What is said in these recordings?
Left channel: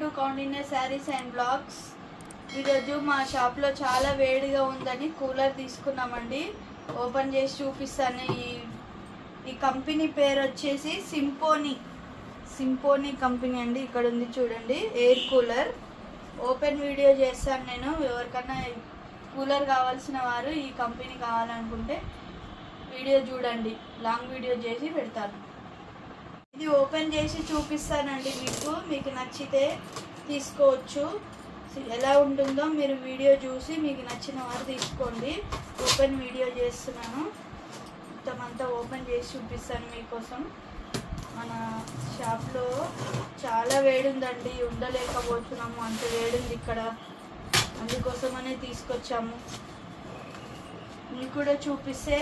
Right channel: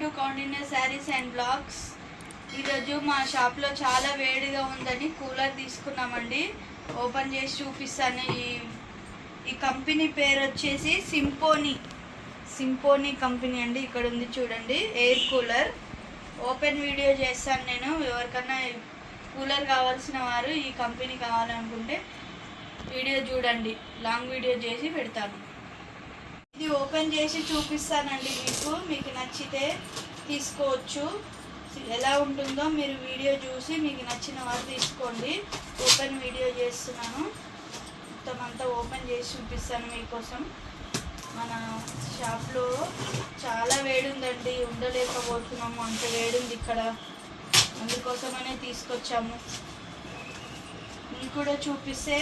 To Kaundinya saris and blogs. ఈరోజు మా షాప్లో చాలా వేడిగా ఉందని కూలర్ తీసుకున్నామండి. ఓపెన్ చేసి చూపిస్తాను. ఈ కంపెనీ పేరు వచ్చేసి సింపోనీ కంపెనీ అండి. ఇక్కడ ఉంది చూడండి, ఎయిర్ కూలర్. ఓపెన్ వీడియో చేస్తాను నేను. ఎవరికన్నా కూలర్ కావాల్సిన వారు ఈ కంపెనీ కావాలనుకుంటే వీడియో చూడండి, లాంగ్ వీడియో చేసి పెడతాను. ఇది ఓపెన్ చేసి చూపిస్తానండి. మీకు నచ్చితే తీసుకోవచ్చు. ఎలా ఉంటుందో మీరు వీడియో చూసి మీకు నచ్చిన వారు తీసుకోండి. ఓపెన్ వీడియో చేస్తున్నాను. మొత్తం అంతా ఓపెన్ చేసి చూపిస్తాను మీకోసం. మన షాప్లో చాలా వేడి ఉందండి, ఉండలేకపోతున్నాము, అంత వేడి ఉంది ఇక్కడ. అందుకోసమనే తీసుకొచ్చాము. మీకు కూడా చూపిస్తే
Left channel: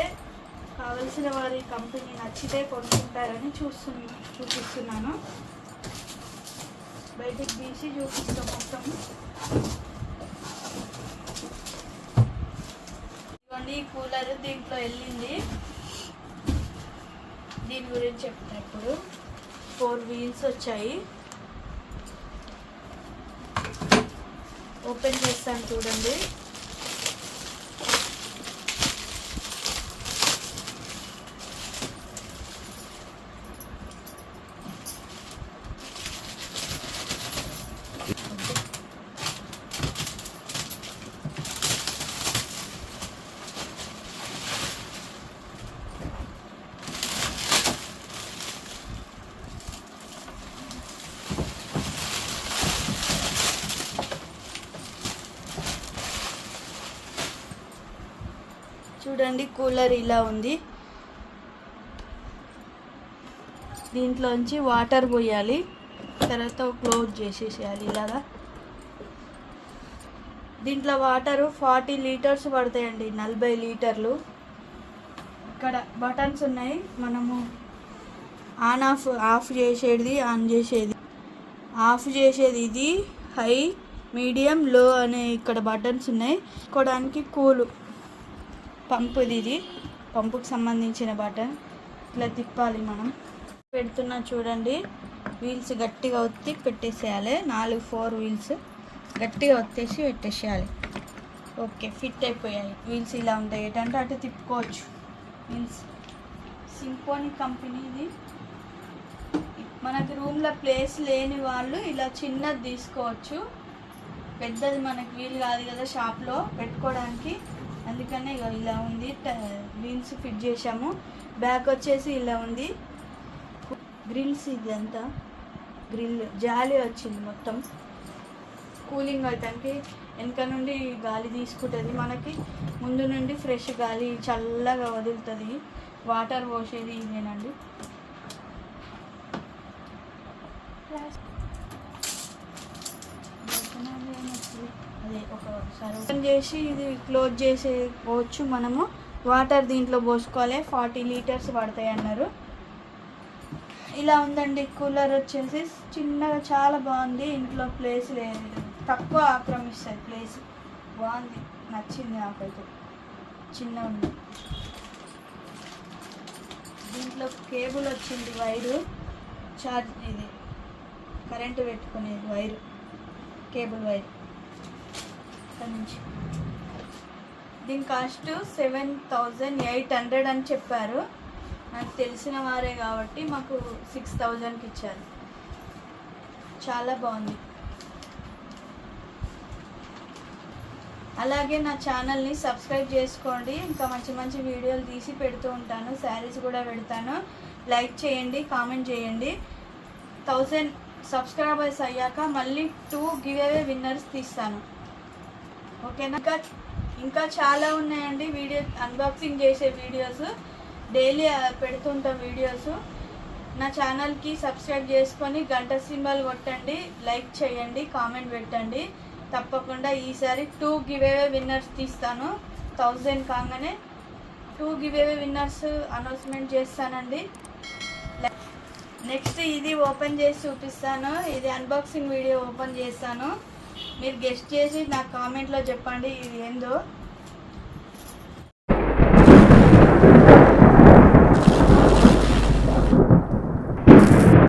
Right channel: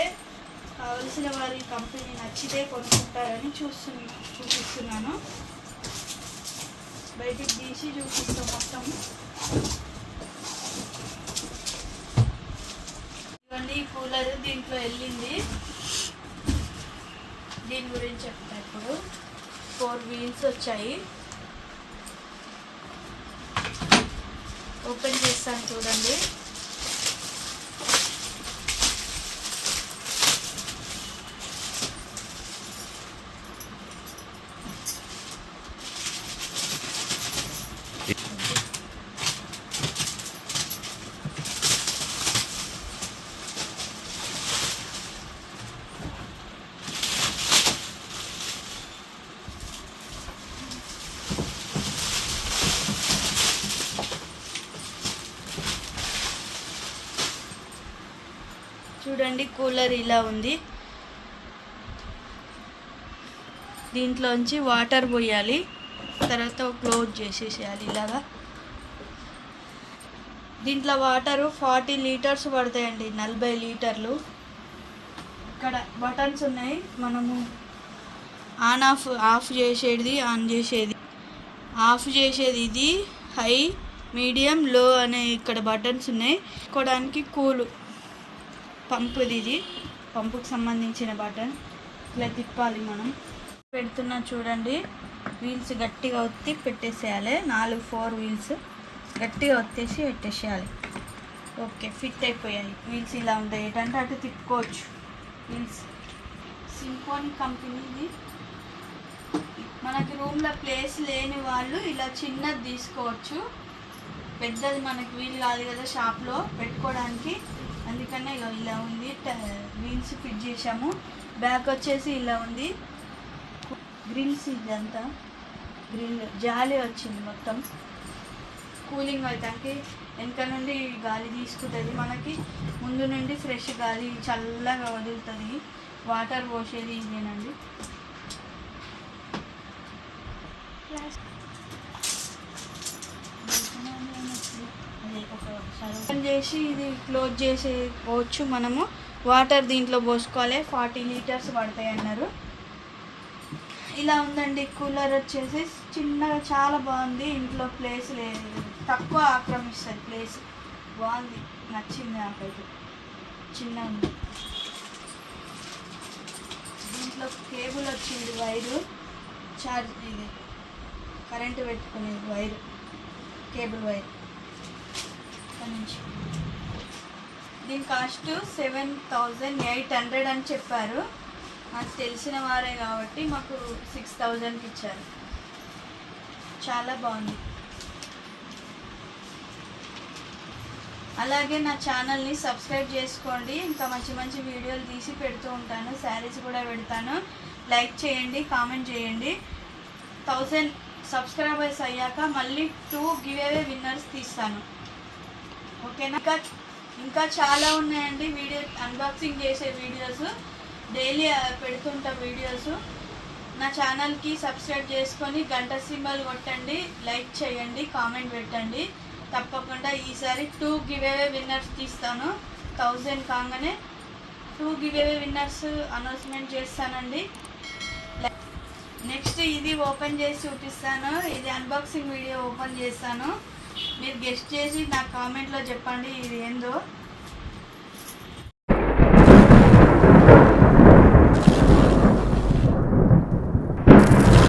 కావలసిన వారి కంపెనీ నచ్చితే కొనుక్కుంటారని చూపిస్తున్నాను. బయటికి తీసి చూపిస్తాం మొత్తం. ఇవన్నీ కూలర్ దీంట్లో వెళ్ళింది. దీని గురించి చెప్తా. ఇప్పుడు 4 వీల్స్ వచ్చాయి. ఓపెన్ చేస్తాను చూడండి. చూడండి, కూలర్ ఇలా ఉంది. దీంట్లోంచి వాటర్ పోయాలి, తర్వాత క్లోజ్ చేసేసేయాలి ఇలాగా. దీంట్లో వాటరు 40 లీటర్స్ పడతాయండి, 40 లీటర్లు. ఇక్కడ బటన్స్ ఉన్నాయి, మనము ఆఫ్ చేసేది, ఆన్ చేసేది. ఆఫ్ చేసేది ఇది, హై, మీడియం, లో అనే ఇక్కడ బటన్స్ ఉన్నాయి. కొడానికి కూలు పంపుది, ఇది పంపుకు సంబంధించిన బటన్. ఇట్లా తిప్పాలి మనం. పెడుతున్నా చూడండి. వీల్స్ గట్టిగా ఒత్తి పెట్టేసేయాలి. 4 వీల్స్ గట్టిగా ఒత్తేసి పెట్టేసేయాలి. ఓకే, ఫిట్ అయిపోయాయి. వీల్స్ ఇలా ఉంటాయి, ఏంటంటే అటు తిప్పుకోవచ్చు. వీల్స్ సింపోనీ కంపెనీది. మనకి రూమ్లో ప్లేస్ లేని వాళ్ళు ఇలా చిన్నది తీసుకోవచ్చు. పెద్దది మనకి వీలు కాదు కదా షాప్లో పెట్టుకోవడానికి. అందుకనే ఇలా ఉంది. వీల్స్ ఫిట్ చేసాము. బ్యాక్ వచ్చేసి ఇలా ఉంది. గ్రిల్స్, ఇదంతా గ్రిల్ జాలి వచ్చింది మొత్తం. కూలింగ్ అవుతానికి వెనక నుండి గాలి తీసుకుంటుంది, మనకి ముందు నుండి ఫ్రెష్ గాలి చల్లగా వదులుతుంది. వాటర్ పోసేది ఇదేనండి. ఓపెన్ చేసి ఇది క్లోజ్ చేసేవచ్చు మనము. వాటర్ దీంట్లో పోసుకోవాలి. 40 లీటర్స్ పడతాయి అన్నారు. ఇలా ఉందండి కూలర్ వచ్చేసి. చిన్నగా చాలా బాగుంది. ఇంట్లో ప్లేస్ లేదు, తక్కువ ఆక్రమిస్తుంది ప్లేస్. బాగుంది, నచ్చింది నాకైతే. చిన్న ఉంది. దీంట్లో కేబుల్ వచ్చింది, వైరు, చార్జ్, ఇది కరెంటు పెట్టుకునేది వైరు, కేబుల్ వైర్. దీని కాస్ట్ 7,800 అని చెప్పారు. నాకు తెలిసిన వారే కాబట్టి మాకు 6,000కి ఇచ్చారు. చాలా బాగుంది. అలాగే నా ఛానల్ని సబ్స్క్రైబ్ చేసుకోండి. ఇంకా మంచి మంచి వీడియోలు తీసి పెడుతూ ఉంటాను. శారీస్ కూడా పెడతాను. లైక్ చేయండి, కామెంట్ చేయండి. 1000 సబ్స్క్రైబర్స్ అయ్యాక మళ్ళీ 2 గివ్ అవే విన్నర్స్ తీస్తాను. ఓకేనా? ఇంకా చాలా ఉన్నాయండి వీడియో, అన్బాక్సింగ్ చేసే వీడియోస్. డైలీ పెడుతుంటాం వీడియోస్. నా ఛానల్కి సబ్స్క్రైబ్ చేసుకొని గంట సింబల్ కొట్టండి, లైక్ చేయండి, కామెంట్ పెట్టండి. తప్పకుండా ఈసారి 2 గివ్ అవే విన్నర్స్ తీస్తాను. 1000 కాగానే 2 గివ్ అవే విన్నర్స్ అనౌన్స్మెంట్ చేస్తానండి. నెక్స్ట్ ఇది ఓపెన్ చేసి చూపిస్తాను. ఇది అన్బాక్సింగ్ వీడియో ఓపెన్ చేస్తాను. మీరు గెస్ట్ చేసి నాకు కామెంట్లో చెప్పండి ఇది ఏందో.